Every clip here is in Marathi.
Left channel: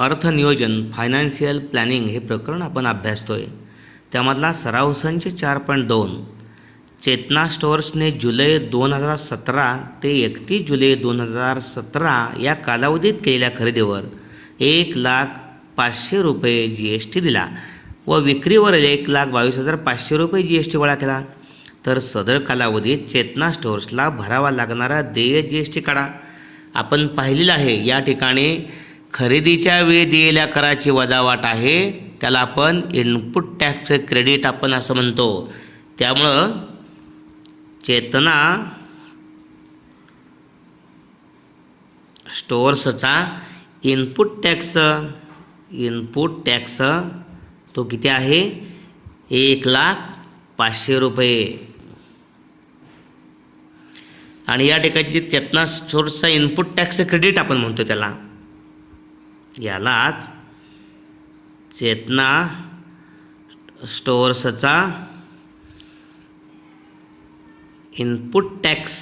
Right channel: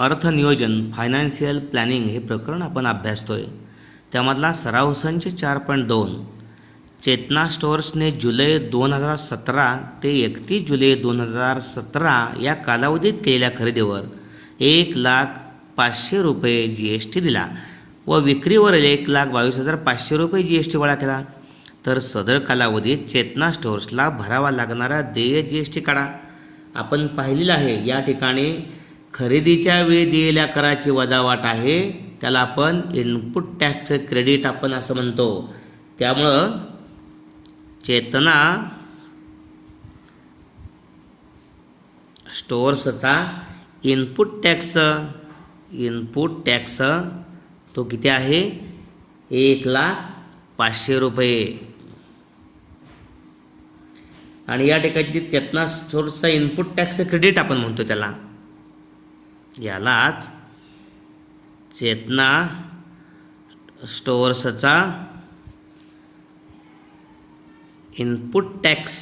अर्थनियोजन फायनान्शियल प्लॅनिंग हे प्रकरण आपण अभ्यासतोय. त्यामधला सराव संच 4.2. चेतना स्टोअर्सने जुलै 2017 ते 31 जुलै 2017 या कालावधीत केलेल्या खरेदीवर 1,05,000 रुपये GST दिला व विक्रीवर 1,22,500 रुपये GST गोळा केला. तर सदर कालावधीत चेतना स्टोअर्सला भरावा लागणारा देय GST काढा. आपण पाहिलेलं आहे या ठिकाणी खरेदीच्या वेळी दिलेल्या कराची वजावाट आहे, त्याला आपण इनपुट टॅक्स क्रेडिट आपण असं म्हणतो. त्यामुळं चेतना स्टोअर्सचा इनपुट टॅक्स तो किती आहे? 1,05,000 रुपये. आणि या ठिकाणी चेतना स्टोअर्सचा इनपुट टॅक्स क्रेडिट आपण म्हणतो त्याला, यालाच चेतना स्टोअर्सचा इनपुट टॅक्स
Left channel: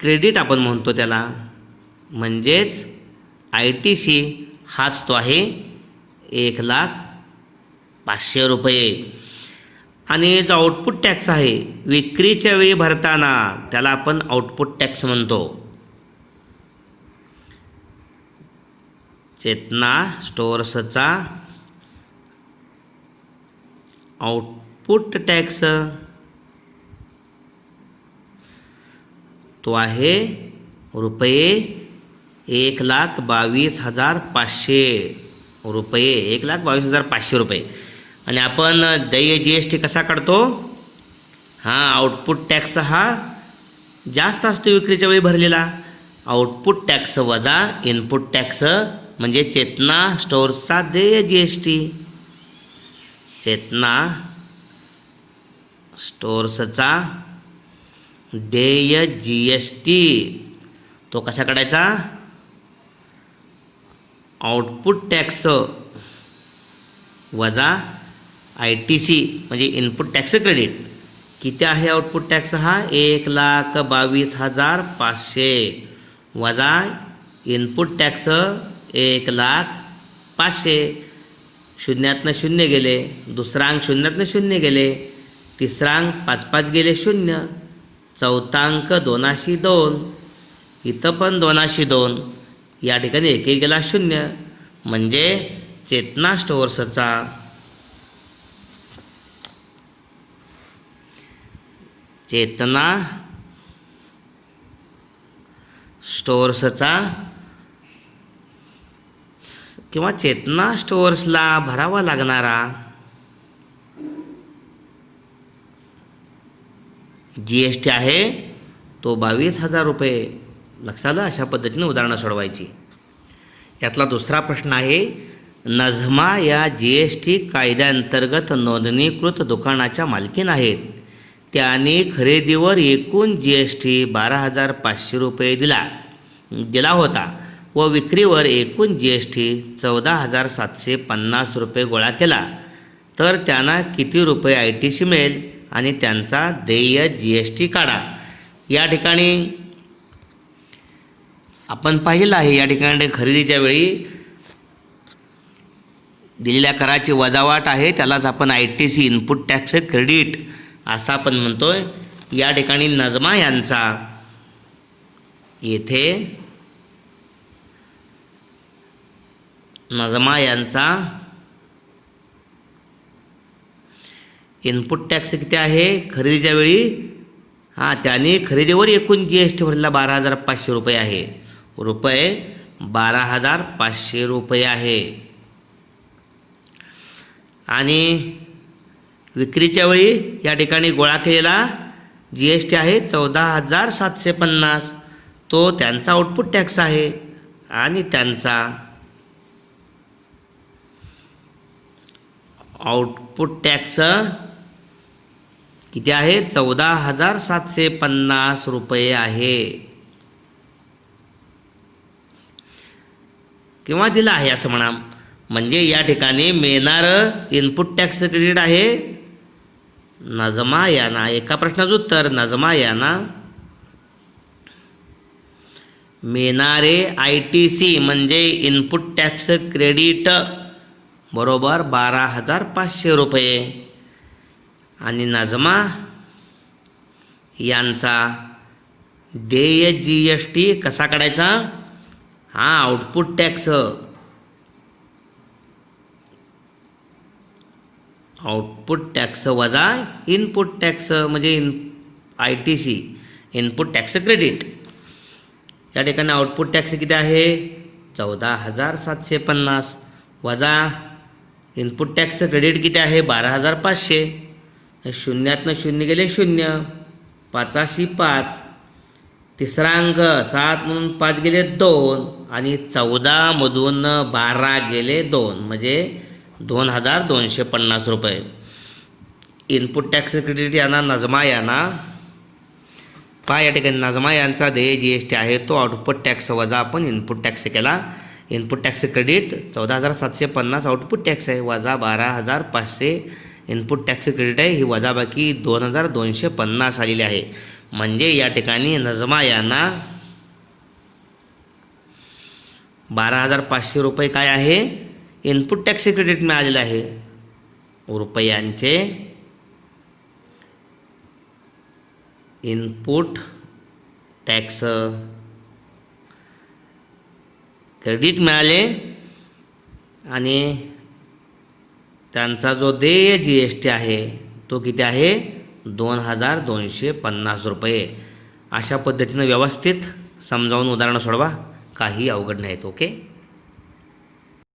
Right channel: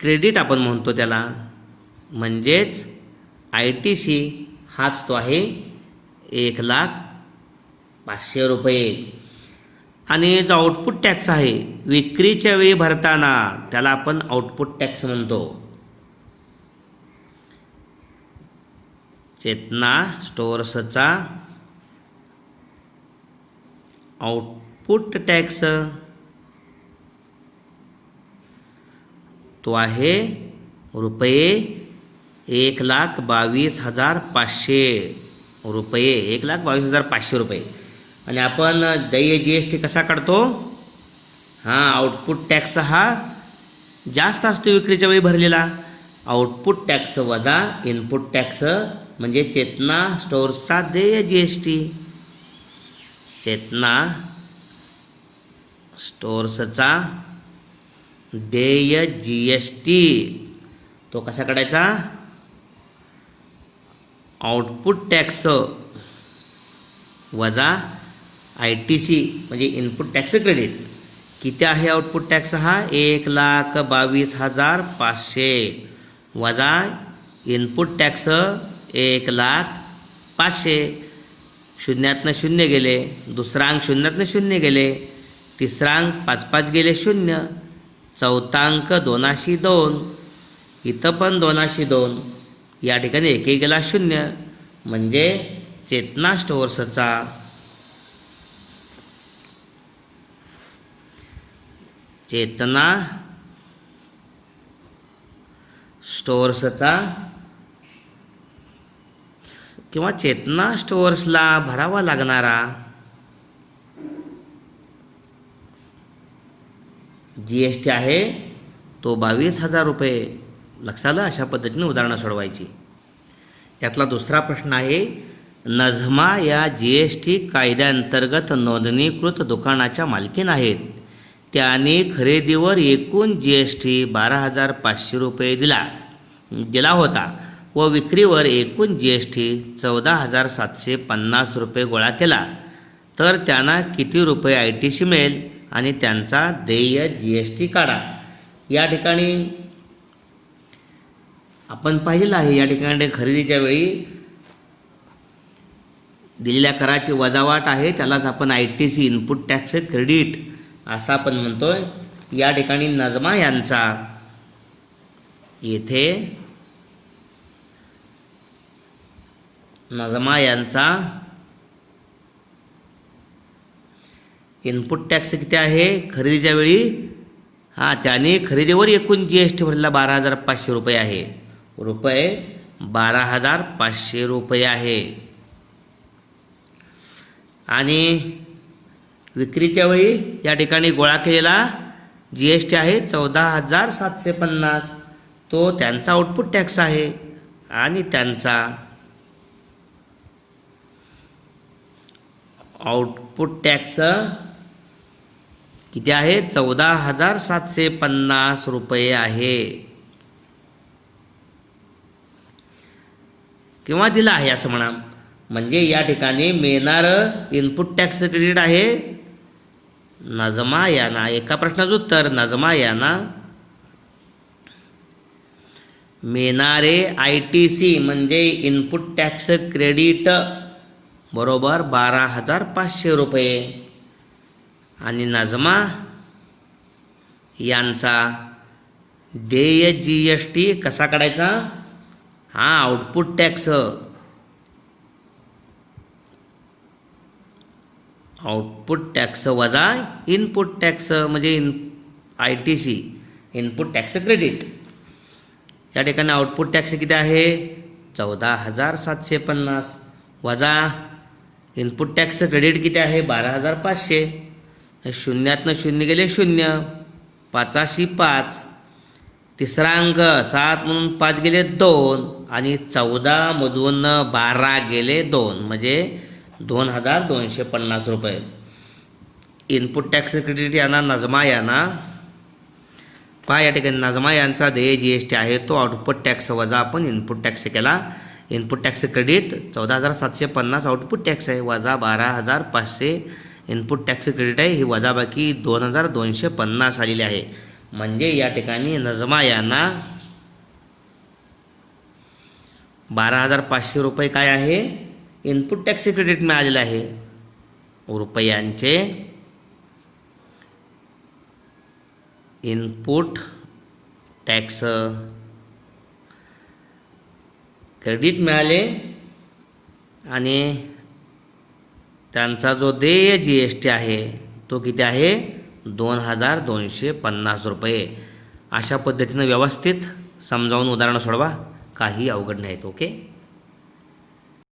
क्रेडिट आपण म्हणतो त्याला, म्हणजेच ITC हाच तो आहे 1,05,000 रुपये. आणि जो आउटपुट टॅक्स आहे विक्रीच्या वेळी भरताना त्याला आपण आउटपुट टॅक्स म्हणतो. चेतना स्टोअर्सचा आउटपुट टॅक्स तो आहे रुपये 1,22,500 रुपये, 1,22,500 रुपये. आणि आपण देय GST कसा काढतो? आउटपुट टॅक्स हा जास्त असतो विक्रीच्या वेळी भरलेला. आउटपुट टॅक्स वजा इनपुट टॅक्स म्हणजे चेतना स्टोअर्सचा देय GST. चेतना स्टोअर्सचा देय GST तो कसा काढायचा? आउटपुट टॅक्स वजा ITC म्हणजे इनपुट टॅक्स क्रेडिट. किती आहे आउटपुट टॅक्स हा? 1,22,500 वजा इनपुट टॅक्स 1,05,000. शून्यातनं शून्य गेले, दुसरा अंक शून्यातनं शून्य गेले, तिसरा अंक 5 गेले 0, चौथा अंक 2 इथं पण 2 या ठिकाणी 1 गेला 0. म्हणजे चेतना स्टोअर्सचा किंवा चेतना स्टोअर्सला भरावा लागणारा GST आहे तो 22,000 रुपये. लक्षात आलं? अशा पद्धतीने उदाहरणं सोडवायची. यातला दुसरा प्रश्न आहे, नझमा या GST कायद्याअंतर्गत नोंदणीकृत दुकानाच्या मालकीन आहेत. त्याने खरेदीवर एकूण GST 12,500 रुपये दिला होता व विक्रीवर एकूण GST 14,750 रुपये गोळा केला. तर त्यांना किती रुपये ITC मिळेल आणि त्यांचा देय GST काढा. या ठिकाणी आपण पाहिलं आहे या ठिकाणी खरेदीच्या वेळी दिलेल्या कराची वजावाट आहे, त्यालाच आपण ITC इनपुट टॅक्स क्रेडिट असं आपण म्हणतोय. या ठिकाणी नझमा यांचा इनपुट टॅक्स किती आहे खरेदीच्या वेळी? त्याने खरेदीवर एकूण GST भरलेला 12,500 रुपये आहे. 12,500 रुपये आहे. आणि विक्रीच्या वेळी या ठिकाणी गोळा केलेला GST आहे 14,750. तो त्यांचा आउटपुट टॅक्स आहे. आणि त्यांचा आउटपुट टॅक्स किती आहे? 14,750 रुपये आहे. किंवा दिला आहे असं म्हणा. म्हणजे या ठिकाणी मिळणारं इनपुट टॅक्स क्रेडिट आहे नझमा यांना. एका प्रश्नाचं उत्तर, नझमा यांना मिळणारे ITC म्हणजे इनपुट टॅक्स क्रेडिट बरोबर 12,500 रुपये आणि नजमा यांचा देय GST कसा काढायचा? आउटपुट टॅक्स वजा इनपुट टॅक्स म्हणजे ITC इनपुट टॅक्स क्रेडिट. या ठिकाणी आउटपुट टॅक्स किती आहे? 14,750 वजा इनपुट टॅक्स क्रेडिट किती आहे? 12,500. शून्यातनं शून्य गेले शून्य, 5 5, तिसरा अंक 7 म्हणून 5 गेले 2 आणि 14 मधून 12 गेले 2 म्हणजे 2,250 रुपये. इनपुट टॅक्स क्रेडिट यांना नजमा यांना या ठिकाणी नजमा यांचा देय GST आहे तो आउटपुट टॅक्स वजा आपण इनपुट टॅक्स केला. Input tax credit 14,750 output tax आहे वजा 12,500 इनपुट टॅक्स क्रेडिट आहे. ही वजाबाकी 2,250 आलेली आहे. म्हणजे या ठिकाणी नजमा यांना 12,500 रुपये काय आहे? इनपुट टॅक्स क्रेडिट मिळालेलं आहे. रुपयांचे इनपुट टॅक्स क्रेडिट मिळाले आणि त्यांचा जो देय GST आहे तो किती आहे? 2,250 रुपये. अशा पद्धतीनं व्यवस्थित समजावून उदाहरणं सोडवा, काही अवघड नाहीत. ओके.